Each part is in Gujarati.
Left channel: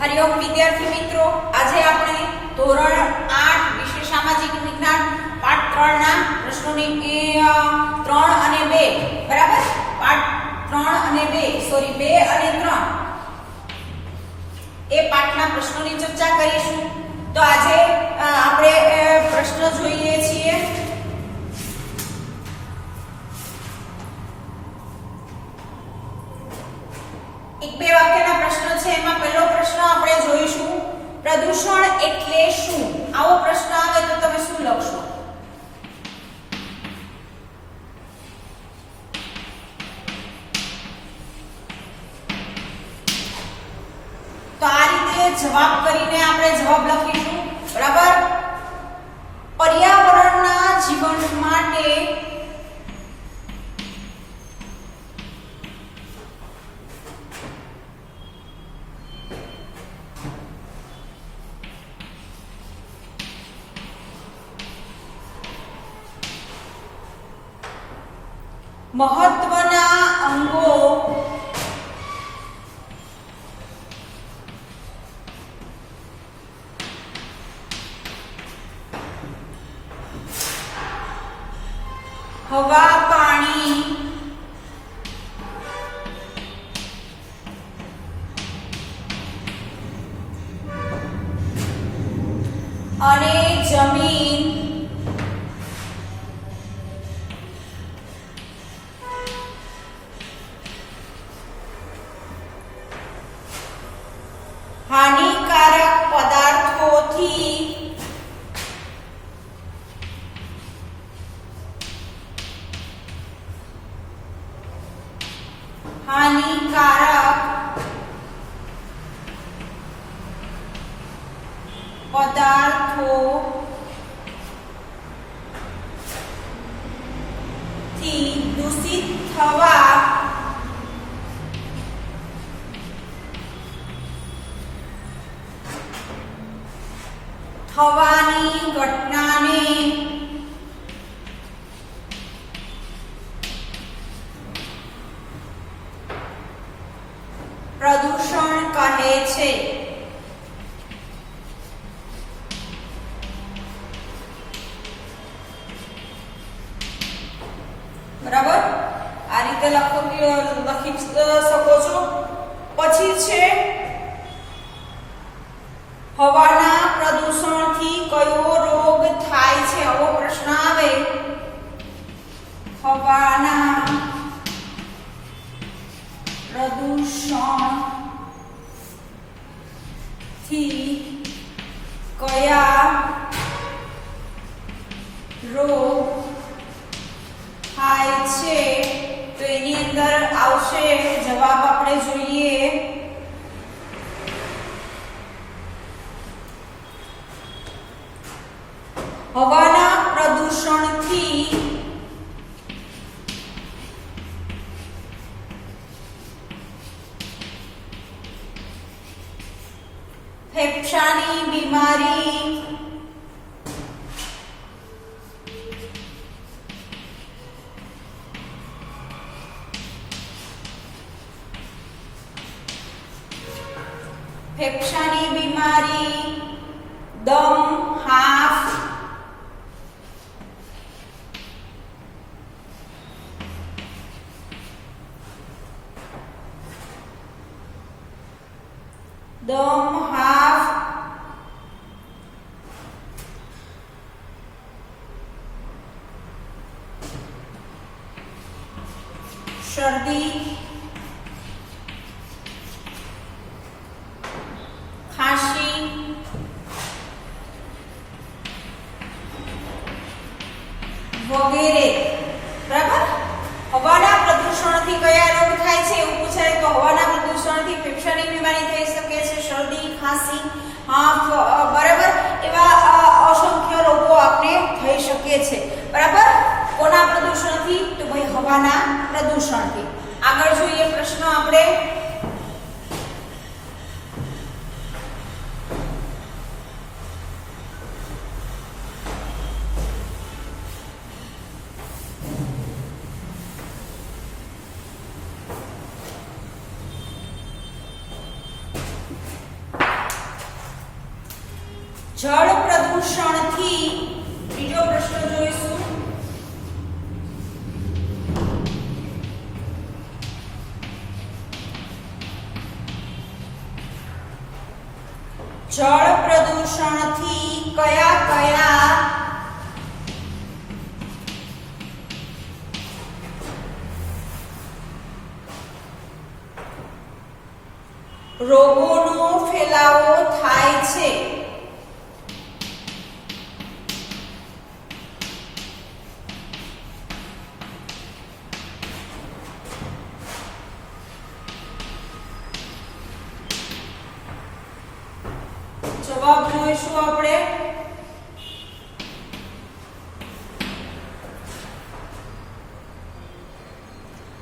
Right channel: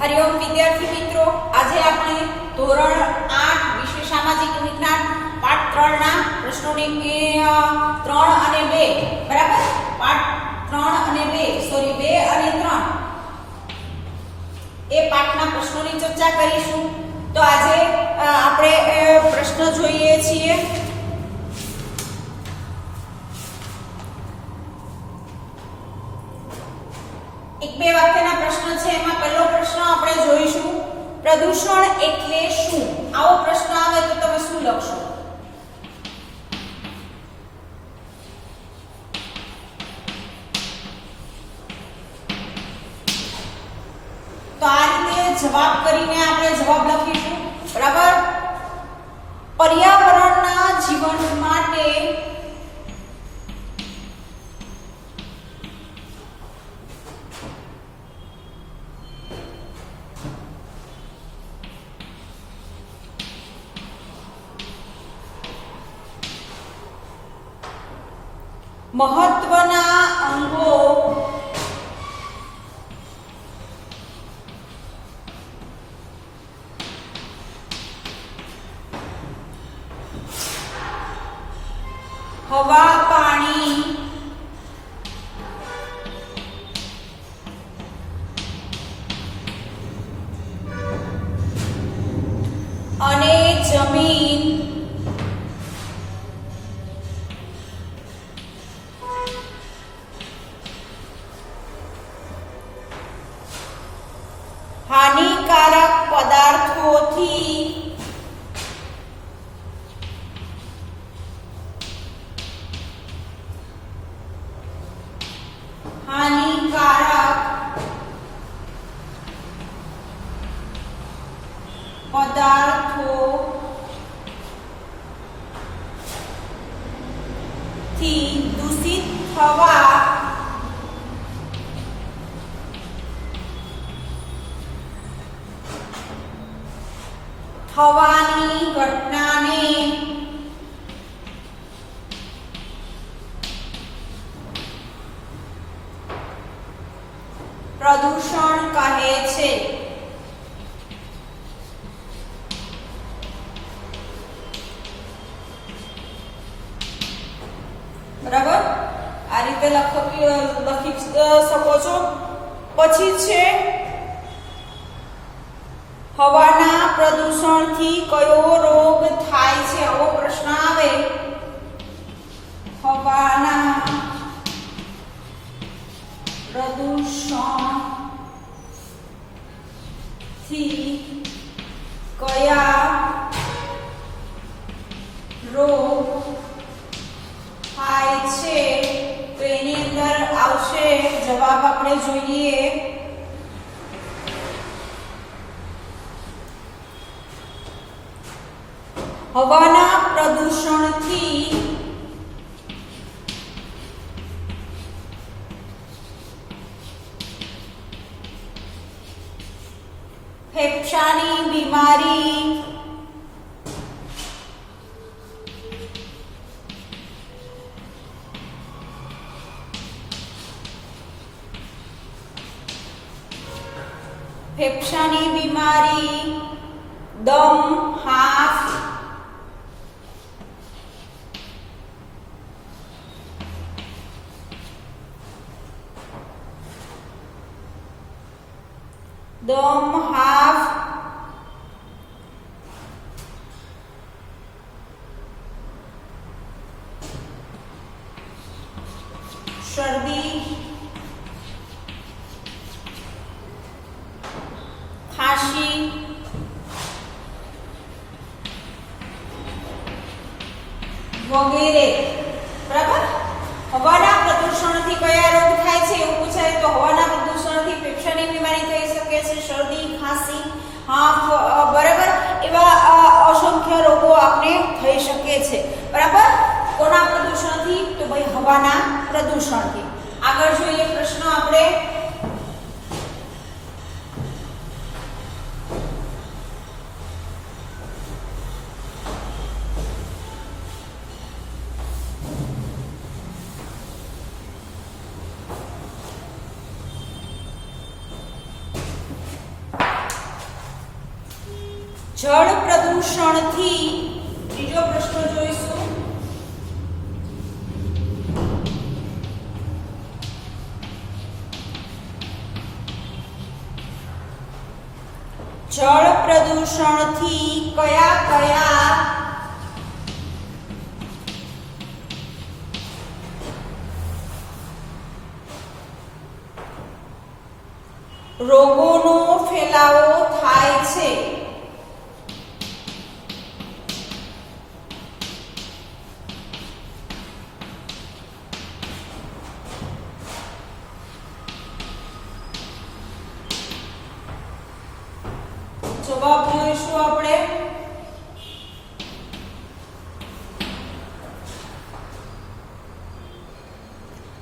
હરિઓમ વિદ્યાર્થી મિત્રો, આજે આપણે ધોરણ 8 વિષય સામાજિક વિજ્ઞાન પાઠ 3 ના પ્રશ્નોની 3 અને 2 બરાબર, પાઠ 3 અને 2 સોરી 2 અને 3 એ પાઠના પ્રશ્નોની ચર્ચા કરીશું. તો આજે આપણે પ્રશ્ન જોઈએ છીએ. એક બે વાક્યના પ્રશ્ન છે. એમાં પહેલો પ્રશ્ન આપણે જોઈશું, પ્રદૂષણ એટલે શું? આવો પ્રશ્ન આવે તો તમે શું લખશો? તો આ રીતે જવાબ કરીને આપણે જવાબ લખીશું. બરાબર. પર્યાવરણના જીવન માટે મહત્વના અંગો હવા, પાણી, અને જમીન હાનિકારક પદાર્થોથી દૂષિત થવાની ઘટનાને પ્રદૂષણ કહે છે. બરાબર, આ રીતે લખી શકો છો. પછી છે હવાના પ્રદૂષણથી કયો રોગ થાય છે? આવો પ્રશ્ન આવે. હવાના પ્રદૂષણથી કયા રોગ થાય છે? તો એની અંદર આવશે જવાબ. આપણે જોઈએ હવાના પ્રદૂષણથી ફેફસાની બીમારી, દમ, હાફ, શરદી, ખાંસી, વગેરે. બરાબર. હવાના પ્રદૂષણથી કયા રોગ થાય છે એવું પૂછાય તો હવાના પ્રદૂષણથી ફેફસાની બીમારી થઈ શકે છે, શરદી, ખાંસી, બરાબર, એવા અસંખ્ય રોગો આપણે થઈ શકે છે. બરાબર. કોના પ્રદૂષણથી? તો ભાઈ હવાના પ્રદૂષણથી. આગળ જોઈએ પ્રશ્ન આપણે. જળ પ્રદૂષણથી બીજો પ્રશ્ન જોઈશું. જળ પ્રદૂષણથી કયા કયા રોગોનો ફેલાવો થાય છે? જવાબ જોઈશું આપણે.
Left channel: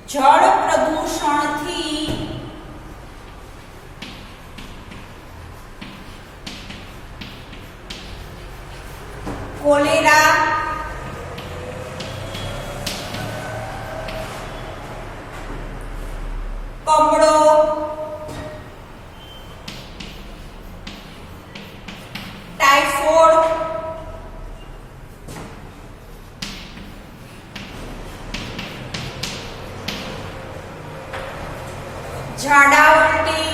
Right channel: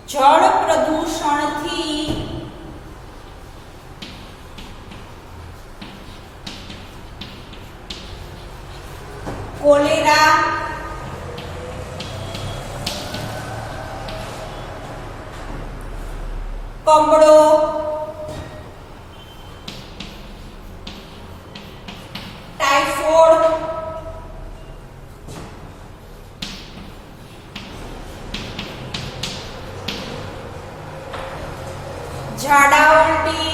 જળ પ્રદૂષણથી કોલેરા, કમળો, ટાઇફોઇડ, ઝાડા ઉલટી,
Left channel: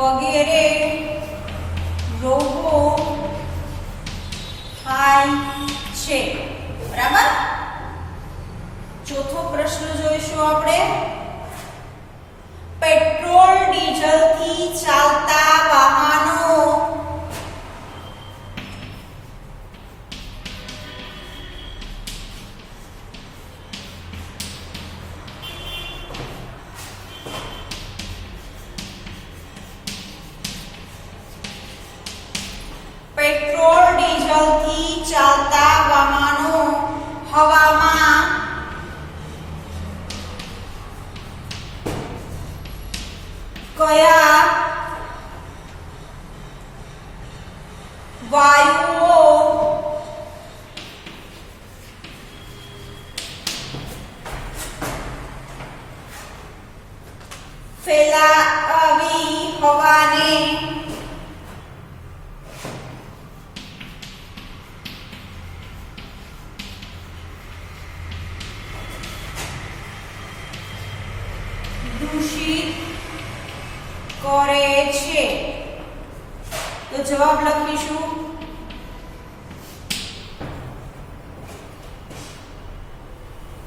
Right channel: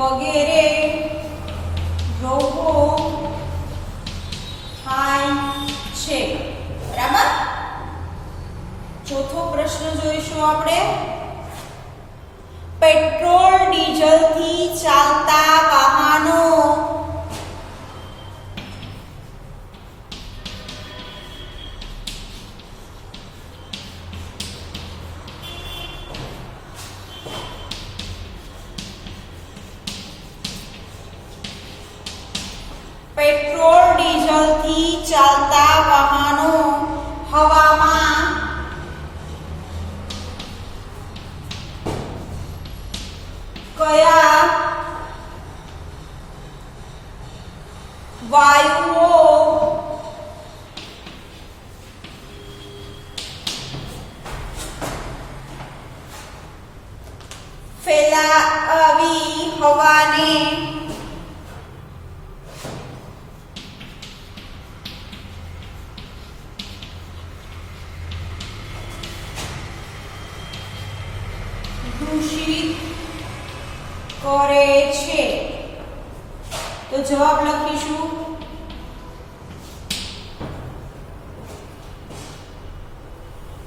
વગેરે રોગો થાય છે. બરાબર. ચોથો પ્રશ્ન જોઈશું આપણે. પેટ્રોલ ડીઝલથી ચાલતા વાહનો પેટ્રોલ ડીઝલથી ચાલતા વાહનો હવામાં કયા વાયુઓ ફેલાવી હવાને દૂષિત કરે છે? તો જવાબ લખીશું.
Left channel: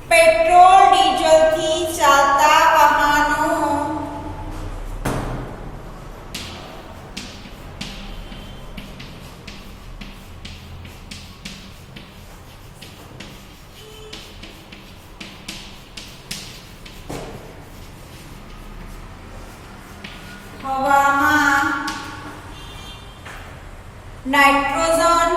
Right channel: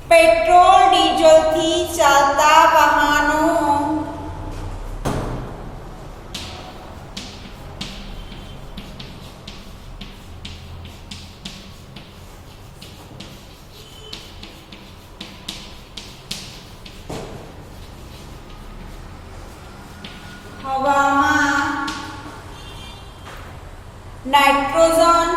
પેટ્રોલ ડીઝલથી ચાલતા વાહનો હવામાં nitrogen,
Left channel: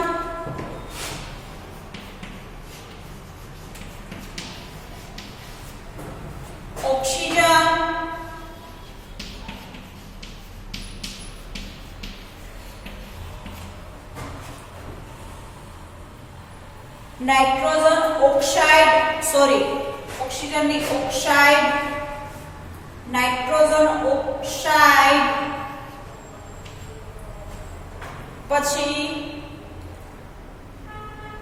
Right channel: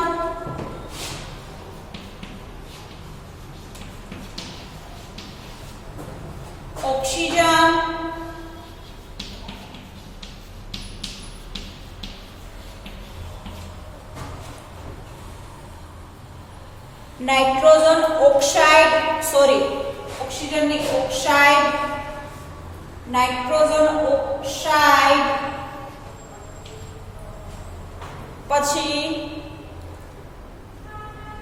oxygen, nitrogen oxide, oxygen ની ઓક્સાઇડ, નાઇટ્રોજન ઓક્સાઇડ, પછી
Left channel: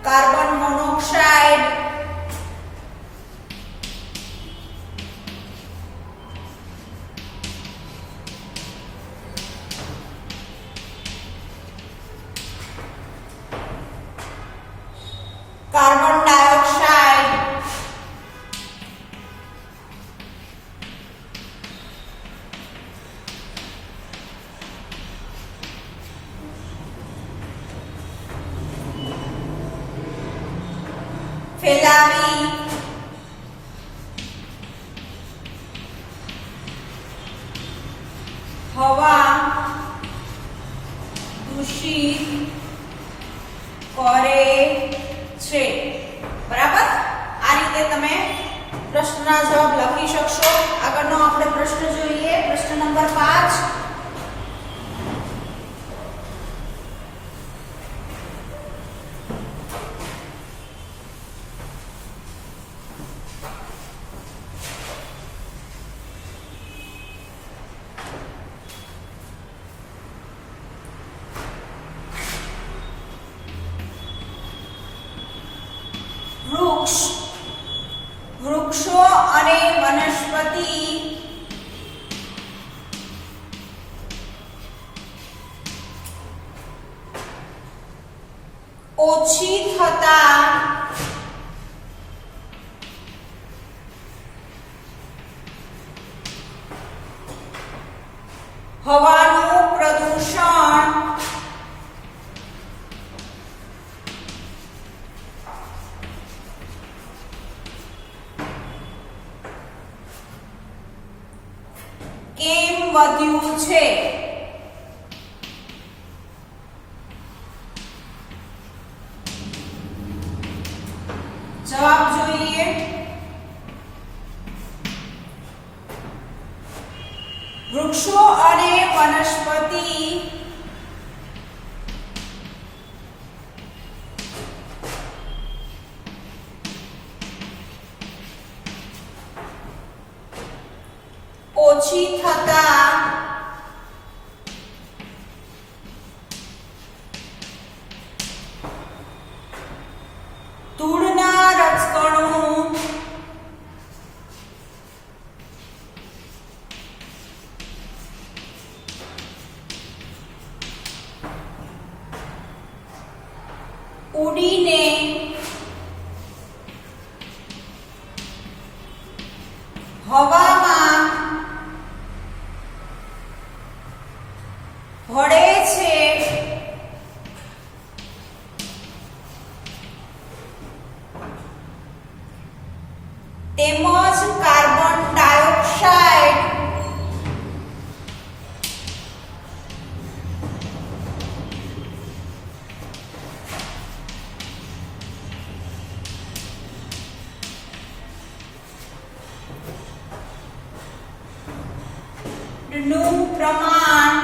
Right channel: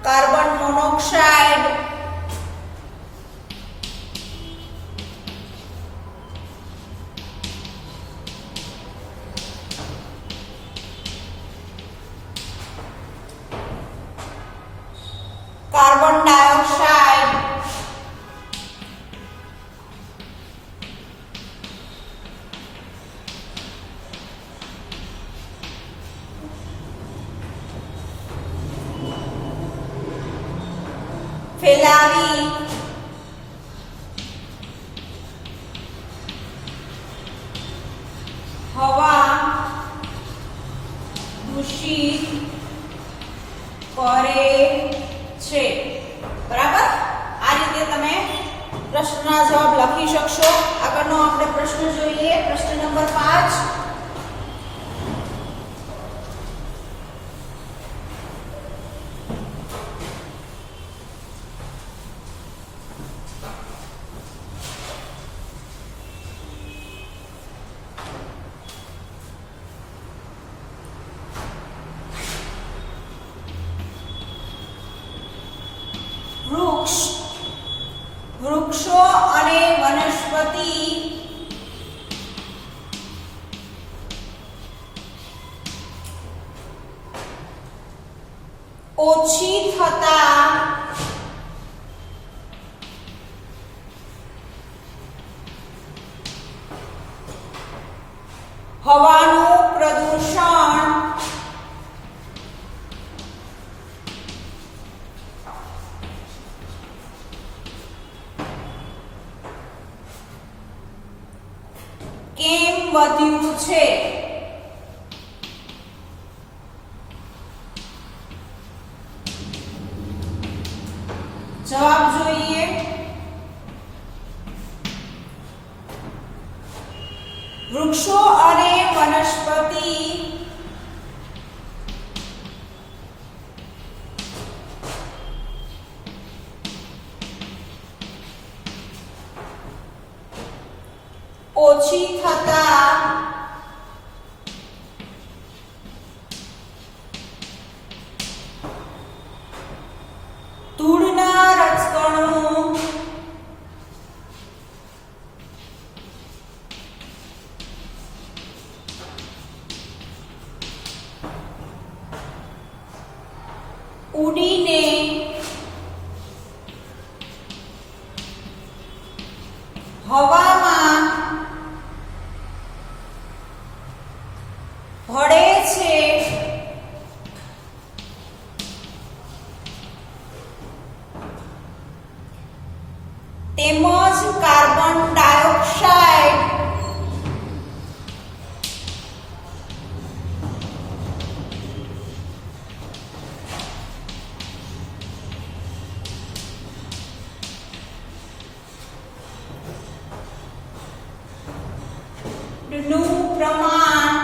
કાર્બન મોનોક્સાઇડ, કાર્બન ડાયોક્સાઇડ, ફેલાવી હવા દૂષિત કરે છે. બરાબર. આ રીતે તમે પ્રશ્નના જવાબ લખી શકશો. આગળનો આપણે પ્રશ્ન જોઈએ. પ્રશ્ન નંબર 5. વૃક્ષો અને વનસ્પતિ ઓછી થતા હવાનું પ્રદૂષણ કેમ વધ્યું છે? જવાબ જોઈએ. વૃક્ષો અને વનસ્પતિ ઓછી થતા ધૂળના રજકણો ઉડીને હવામાં ભળે છે. તેમજ કાર્બન ડાયોક્સાઇડ નું પ્રમાણ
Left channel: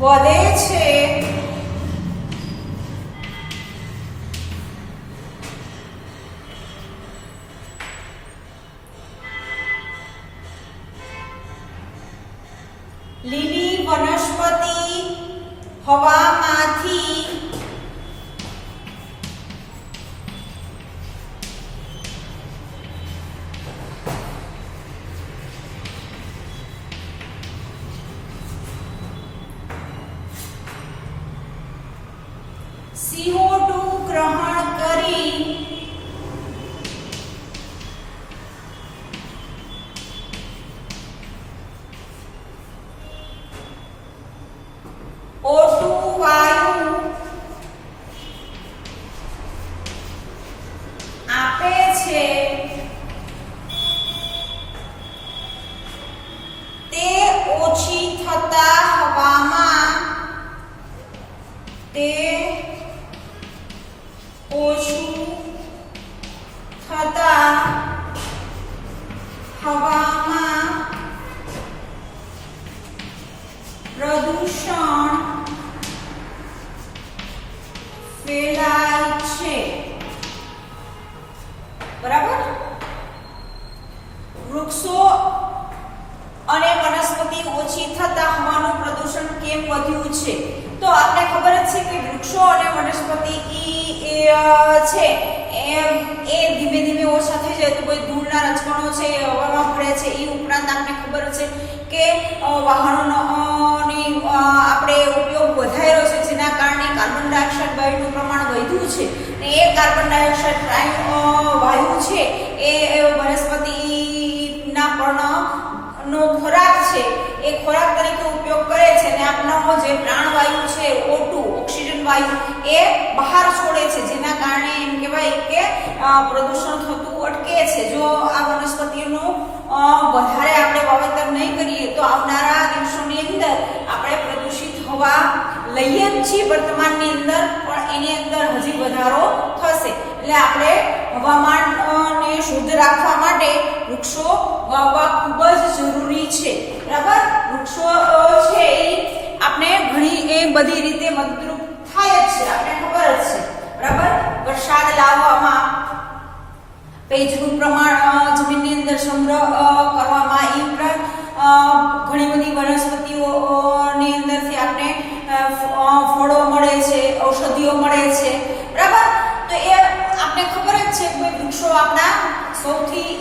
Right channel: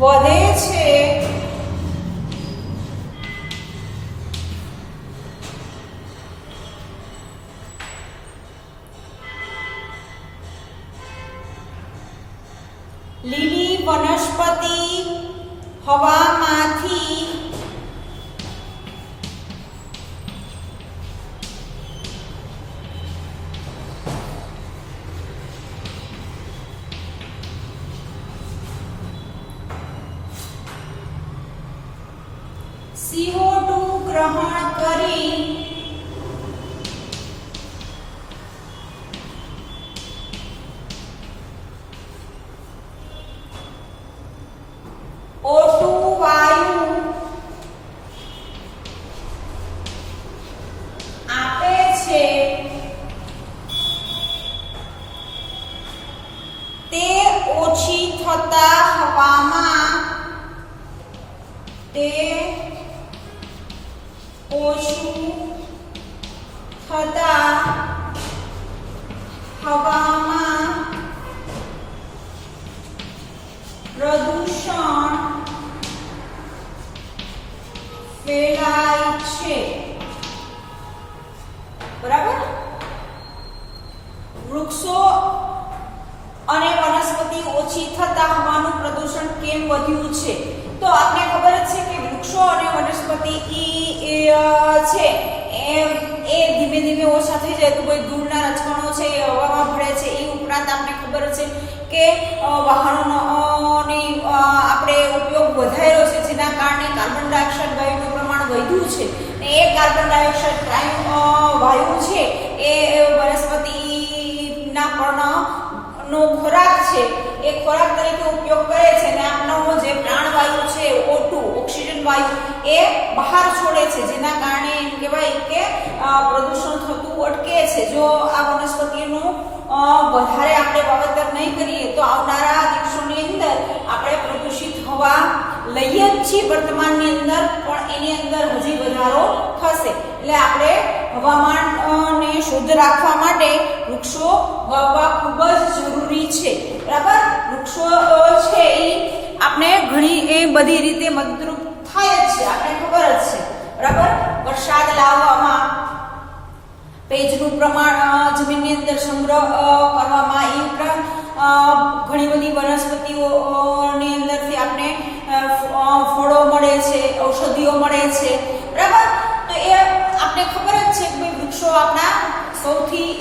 વધે છે. લીલી વનસ્પતિ હવામાંથી CO2 ગ્રહણ કરી O2 વાયુ આપે છે. તે ઓછી થતા હવામાં ઓછું થતા હવામાં પ્રદૂષણ ફેલાય છે. બરાબર. વૃક્ષો અને વનસ્પતિ ઓછી થતા હવાનું પ્રદૂષણ કેમ વધ્યું છે? તો આપને ખબર જ છે કે વૃક્ષો અને વનસ્પતિ છે એ ધીમે ધીમે ઓછા થઈ જાય તો કોઈ ધૂળના રજકણો છે હવામાં ભળે છે. એ ઉપરાંત આપને ખબર છે કે વાહનોનો આપણે ઉપયોગ વધાર્યો છે, જેના કારણે કાર્બન ડાયોક્સાઇડ વાયુનું પ્રમાણ વધ્યું છે. એ કાર્બન ડાયોક્સાઇડ વાયુ છે એ વનસ્પતિના પર્ણનો ખોરાક છે. એ ખોરાક તરીકે ઉપયોગ કરે છે અને આપનો જે પ્રાણવાયુ છે O2 ઓક્સિજન વાયુ એ બહાર છોડે છે, જેના કારણે એમ કહેવાય કે પ્રદૂષણ થતું અટકે છે. જો આ વનસ્પતિનું વધારે આપણે વાવેતર નહીં કરીએ તો આવનારા દિવસોની અંદર આપણે પ્રદૂષિત હવા લઈએ જ છીએ વર્તમાનની અંદર, પણ એની અંદર હજી વધારો થશે. એટલે આપણે હવામાનને શુદ્ધ રાખવા માટે વૃક્ષો વાવવા ખૂબ જ જરૂરી છે. બરાબર. વૃક્ષો છે એ આપણે ઘણી બધી રીતે મદદરૂપ થાય જ છે, આપણે ખબર જ છે. બરાબર. વરસાદ લાવવામાં, ભેજનું પ્રમાણ જમીનની અંદર સંગ્રહ કરવામાં, એ ઉપરાંત ઘણી બધી વનસ્પતિઓ ઔષધિઓ મળે છે, બરાબર. તો એ આપણે ખબર જ છે કે ભાઈ વૃક્ષો આપણા સૌથી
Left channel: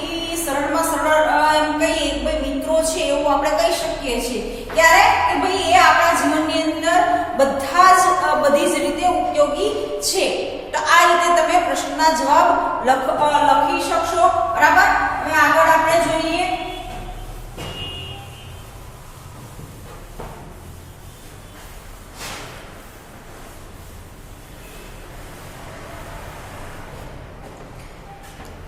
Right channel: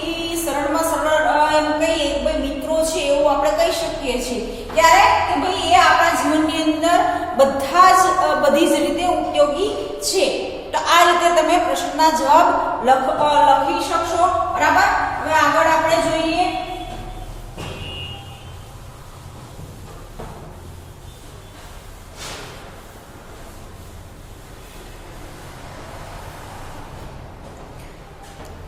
સરળમાં સરળ એમ કહીએ કે ભાઈ મિત્રો છે એવું આપણે કહી શકીએ છીએ. ત્યારે કે ભાઈ એ આપણા જીવનની અંદર બધી જ રીતે ઉપયોગી છે. તો આ રીતે તમે પ્રશ્નના જવાબ લખી શકશો, બરાબર. હવે આગળ આપણે જોઈએ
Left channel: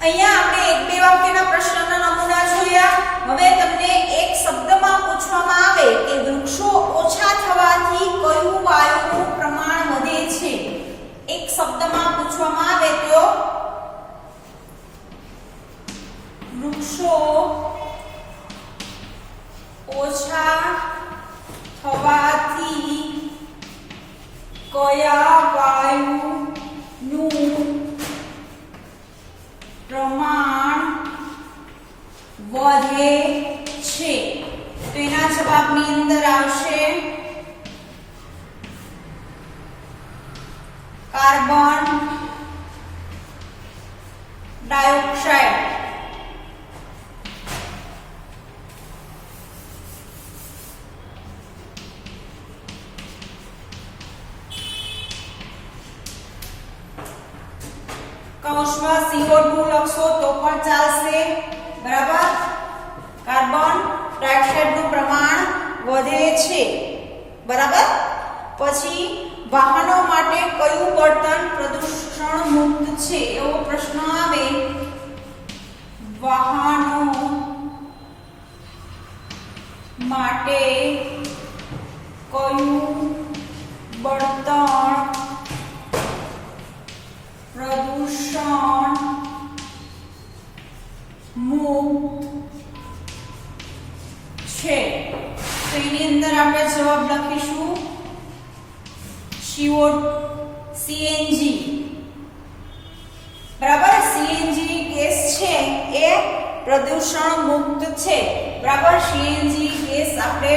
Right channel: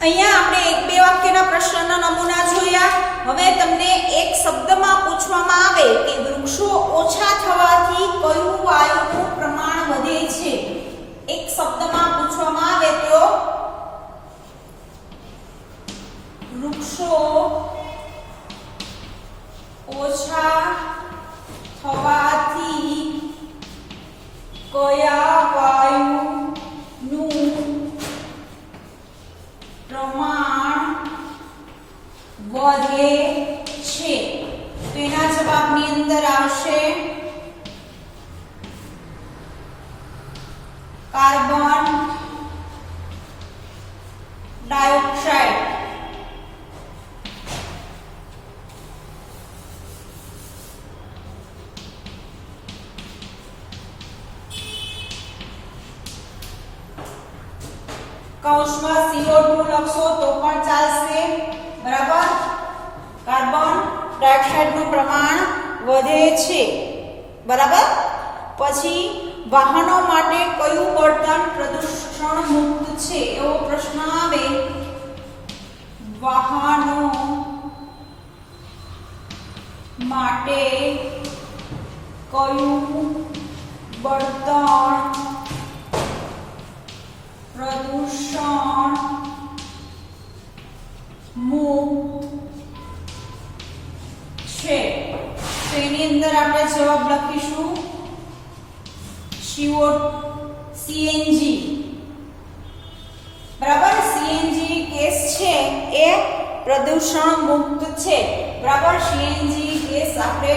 અહીંયા આપણે એક બે વાક્યના પ્રશ્નના નમૂના જોયા. હવે તમને એક શબ્દમાં પૂછવામાં આવે કે વૃક્ષો ઓછા થવાથી કયું વાયુનું પ્રમાણ વધે છે. એક શબ્દમાં પૂછવામાં આવે તો વૃક્ષો ઓછા થવાથી કયા વાયુનું પ્રમાણ વધે છે. તો એના જવાબની અંદર આવશે કાર્બન ડાયોક્સાઇડ. કૌંસમાં CO2 લખશો તો પણ ચાલશે, બરાબર. કાર્બન ડાયોક્સાઇડ નું પ્રમાણ વધે છે, બરાબર. પછી વાહનો માટે કયું બળતણ પ્રદૂષણ મુક્ત છે એવો પ્રશ્ન આવે. વાહનો માટે કયું બળતણ પ્રદૂષણ મુક્ત છે. તો એની અંદર આપણે જવાબ લખીશું CNG, બરાબર. CNG ગેસ છે એ પ્રદૂષણ મુક્ત છે, બરાબર. CNG ગેસ આપણે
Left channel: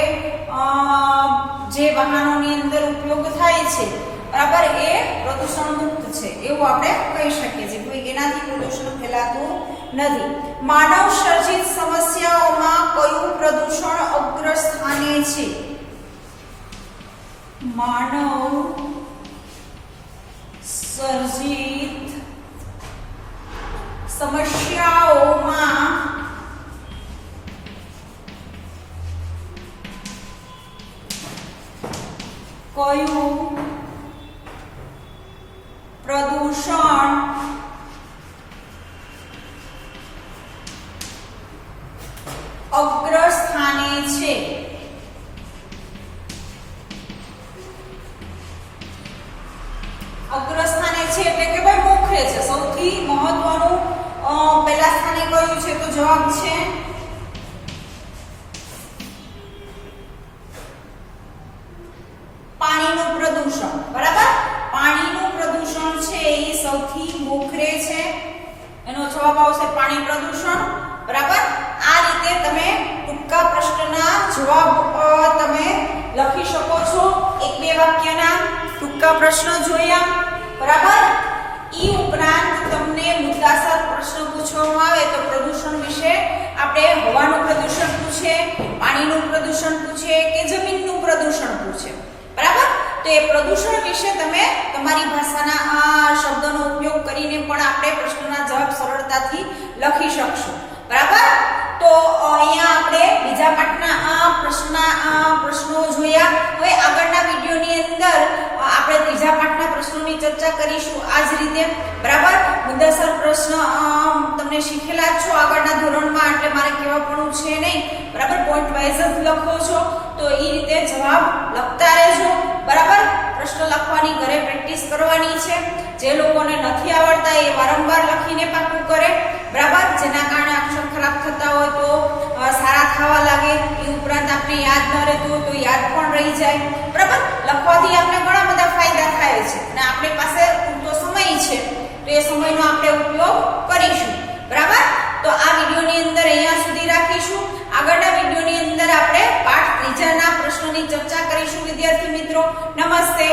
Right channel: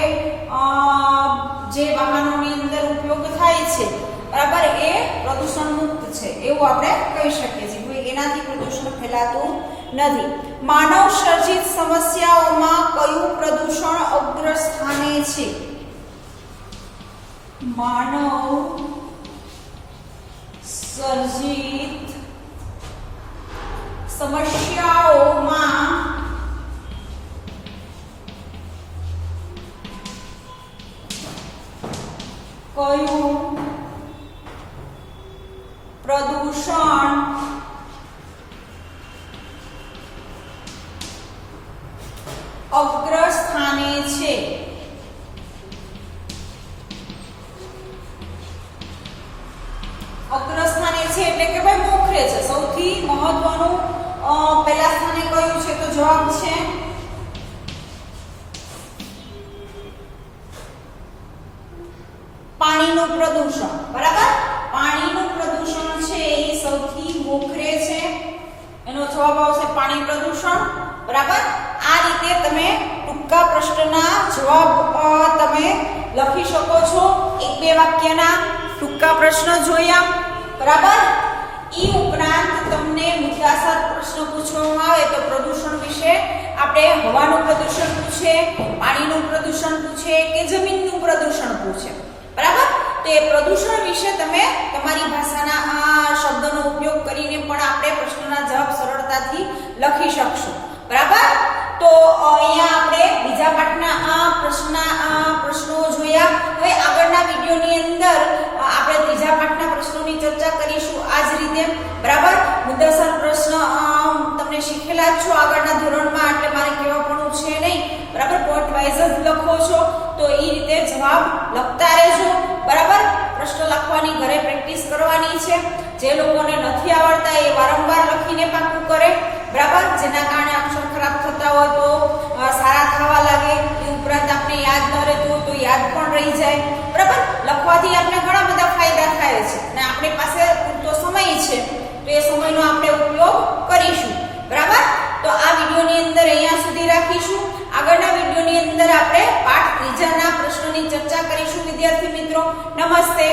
જે વાહનોની અંદર ઉપયોગ થાય છે, બરાબર, એ પ્રદૂષણ મુક્ત છે એવું આપણે કહી શકીએ છીએ. કોઈ એનાથી પ્રદૂષણ ફેલાતું નથી. માનવ સર્જિત સમસ્યાઓમાં કયું પ્રદૂષણ અગ્ર સ્થાને છે. માનવ સર્જિત સમસ્યાઓમાં કયું પ્રદૂષણ અગ્ર સ્થાને છે. અગ્ર સ્થાને છે એટલે કે ભાઈ મોખરે છે. સૌથી મહત્વનું પહેલા સ્થાને કયું છે તો જવાબ છે પાણીનું પ્રદૂષણ, બરાબર. પાણીનું પ્રદૂષણ છે એ સૌથી મોખરે છે. એનો જવાબ આવશે પાણી પ્રદૂષણ, બરાબર. આ રીતે તમે ટૂંકા પ્રશ્નના જવાબ તમે લખી શકો છો. એક બે વાક્યના ટૂંકા પ્રશ્ન જોયા, બરાબર. ઈ ઉપરાંત તમને મુદ્દાસર પ્રશ્ન પૂછવામાં આવે તો પ્રદૂષણ વિશે આપણે હવાનું પ્રદૂષણ પૂછે, પાણીનું પ્રદૂષણ પૂછે કે જમીનનું પ્રદૂષણ પૂછે, બરાબર. તો એ પ્રદૂષણ વિશે તમે તમારી ભાષાના આ શબ્દનો ઉપયોગ કરીને પણ આપણે પ્રશ્નના જવાબ સરળતાથી લખી શકશું, બરાબર. તો અહીંયા આપણે બીજા પાઠના પ્રશ્નો જોયા. હવે આગળના વિડીયોની અંદર આપણે ત્રીજા પાઠના પ્રશ્નોની ચર્ચા કરીશું આ જ રીતે, બરાબર. મુદ્દાસર પ્રશ્ન તમને શીખેલા જ છો આગળના ધોરણમાં, એટલે મારે કહેવા પણ છે નહીં, બરાબર. પોઈન્ટ વાઇઝ જ લખો છો તો એ રીતે જવાબ લખતા રહેજો, બરાબર. પ્રશ્ન લખવાની ઘરે પ્રેક્ટિસ કરવાની છે. જે લોકોને નથી આવડતા એ વારંવાર લખીને પાકું કરે, બરાબર. જેના કારણે અક્ષર ખરાબ થતા હોય તો સારા થવા લાગે. એ ઉપરાંત આપણે યાદ ન રહેતું તો યાદ પણ રહી જાય, બરાબર. લખવાથી આપણે ઘણા બધા ફાયદા થાય છે અને આપણી પાસે પૂરતો સમય છે તો એ સમયનો આપણે ઉપયોગ કરીશું, બરાબર. તો આ વિડીયોની અંદર અહીંયા સુધી રાખીશું. આગળના વિડીયોની અંદર આપણે પાઠ ત્રીજાના પ્રશ્નોની ચર્ચા કરીશું વિદ્યાર્થી મિત્રો. નમસ્તે.